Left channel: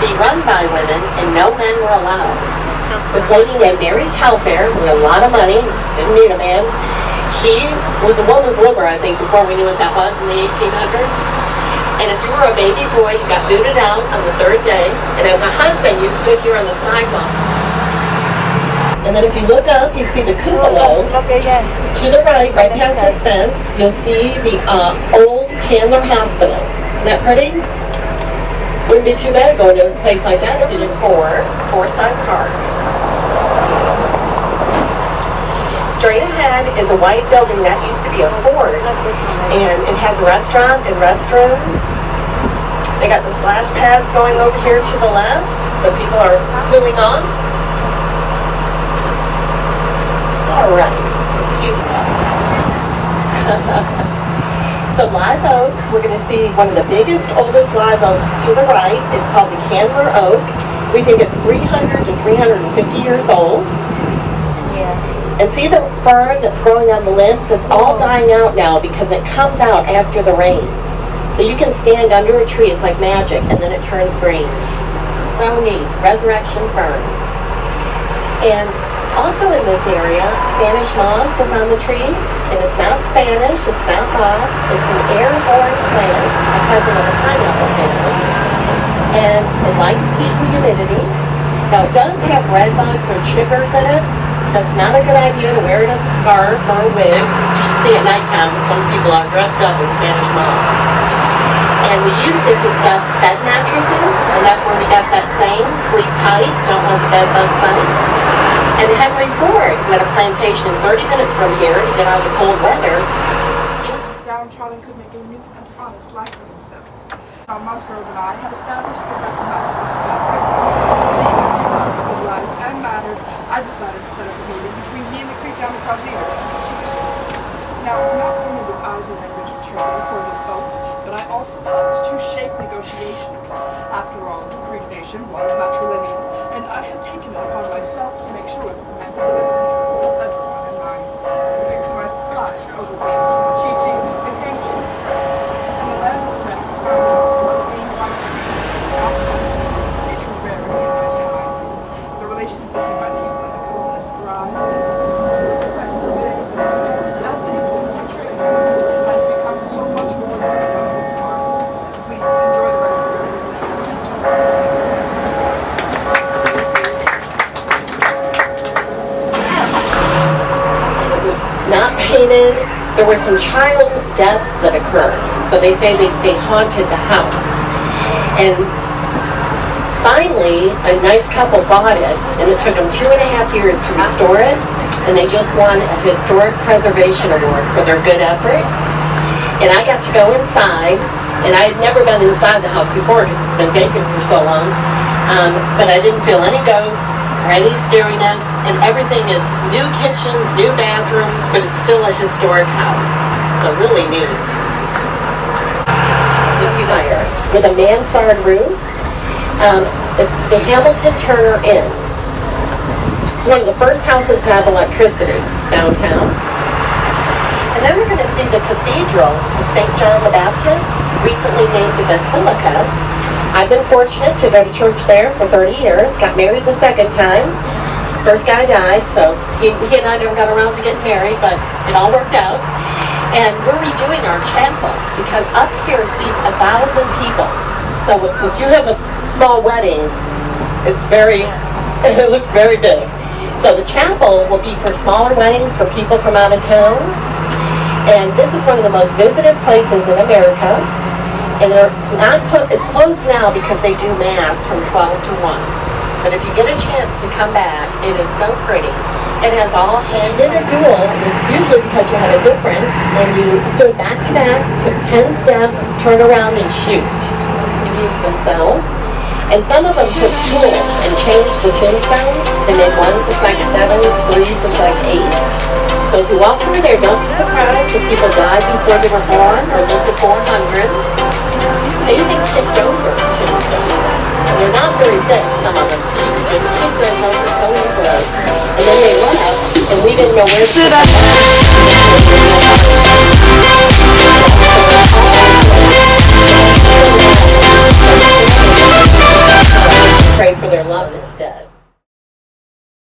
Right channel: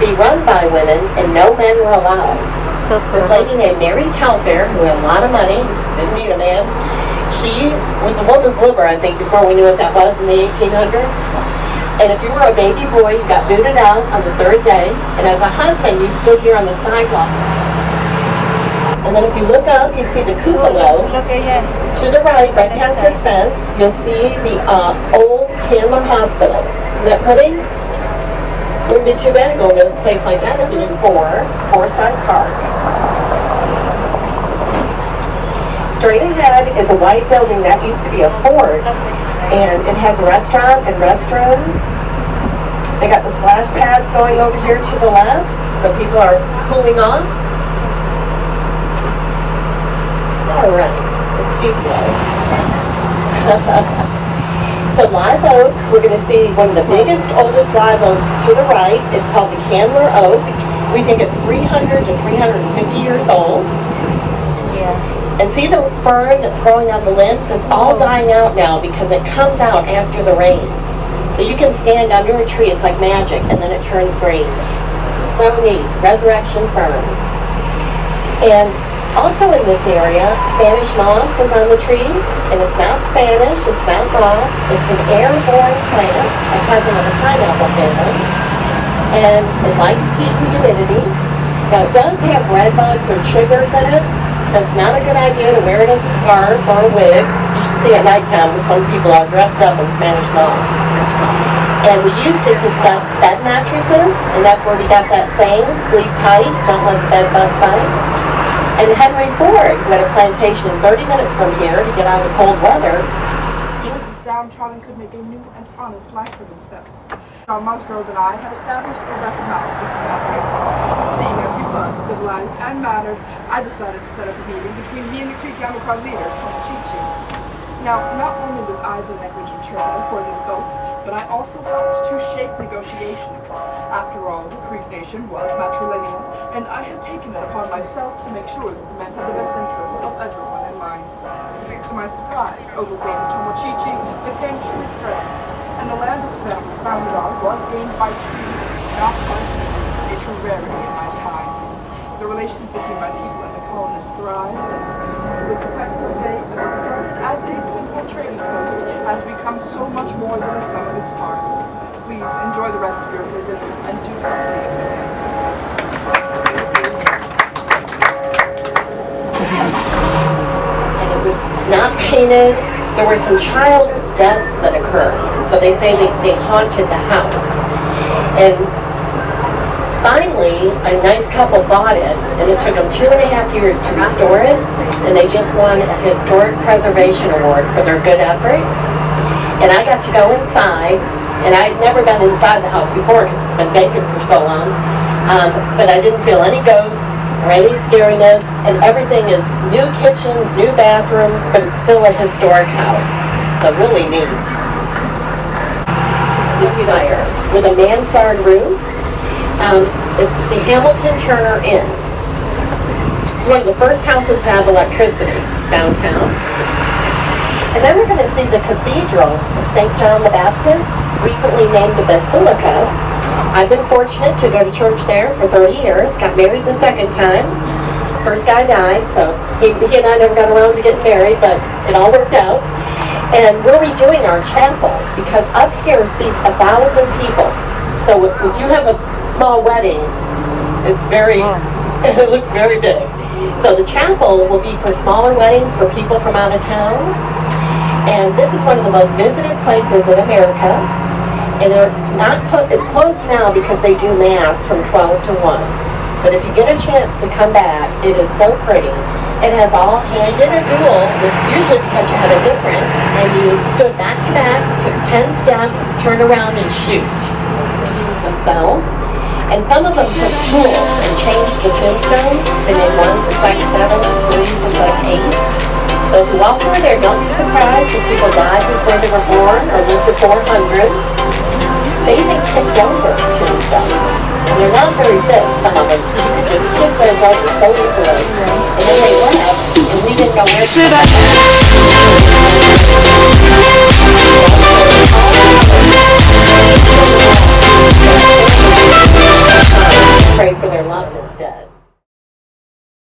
to be run by women, and no men were allowed. This lady named Mary Telfair, who had a lot of money, didn't need a man. She was a woman's liver, I think, before we knew what that was in the 1800s. And if you were a baby boy, you got booted out on the third day. And as a husband, you stood here on the sidewalk. And then if you look up, you see the cupola. To the right past this fence, you'll see the old Candler Hospital. Isn't that pretty? Wouldn't be too bad going to a place like that if you didn't four-side car. Straight ahead is a white building that used to be a fort, and it has a restaurant and restrooms. They got the splash pads going over here to the left, so people are cooling off. All right, So Live Oaks, we're going to see one of the biggest, oldest live oaks to the right. It's called the Candler Oak. We think it's 300 to 350 years old. And see the fern that's growing on the limbs? It's all dying out now because it comes out after the rain. So you can stand under a tree, it's like magic, and then it turns green. It's so neat, resurrection fern. And also in this area, Spanish moss is on the trees, and it's not Spanish, it's not moss, it's an airborne plant, a cousin of the pineapple family. And it likes heat and humidity. Now it does have red bugs or chiggers in it, so it's not a good idea to wear it as a scarf or a wig. You should see at nighttime when some people are dressed up in Spanish moss. And we used it to stuff bed mattresses, and that's where we got that saying, sleep tight, don't let the bed bugs bite. And Henry Ford, who had a plantation 30 minutes from here to get out of the cold weather, he was downtrodden could make a new and honest life for themselves. John Musgrove and I had established a recognizable standard. Seeing as Utah is civilized and mattered, I decided to set up a meeting between me and the Creek Yamacraw leader, Tomochichi. Now, not only was I the language interpreter for them both, but I also helped to shape negotiations. After all, the Creek Nation was matrilineal, and I had taken it upon myself to make sure that the men had the best interests of everyone in mind. To my surprise, Ogilvy and Tomochichi became true friends, and the land its men was founded on was named by treaty, not conquest, a true rarity in my time. The relations between my people and the colonists thrived, and it suffice to say that what started as a simple trading post has become so much more than the sum of its parts. Please enjoy the rest of your visit, and do come see us again. It was not painted. There were some child deaths that occurred, so they say they haunted the house. And finally, a nice couple bought it, and it took them 2.5 years to restore it, and they just won a Historic Preservation Award for their good efforts. And I got to go inside, and I had never been inside the house before because it's been vacant for so long, but I didn't feel any ghosts or any scariness, and everything is new kitchens, new bathrooms, but it's still a historic house. So really neat. You see there, with a mansard roof. It's the Hamilton Turner Inn. It's one of the first houses to have electricity downtown. And then we're going to see the Cathedral of St. John the Baptist, recently named the Basilica. I've been fortunate to go to church there for 30 years, got married the second time. First guy died, so he and I never got around to getting married, but it all worked out. And we're redoing our chapel because upstairs seats 1,000 people. So if you have a small wedding, it looks very big. So the chapel will be for smaller weddings for people from out of town. And this is one of the most visited places in America. And it's closed now because they do mass from 12 to 1. But if you get a chance to come back, it is so pretty. It has all hands. You did a duel, and it's usually because you had a difference, and you stood back to back, took 10 steps, turn around and shoot. Use themselves. And some of them took tools and changed the tombstones. They made ones look like 7, threes look like 8. So if you walk through there, don't be surprised if people died before they were born or lived to 400. They even kicked over tombstones. And they're not very thick, some of them, so you can just kick those over so easily. And then they left, and we didn't know where to go. loved instead.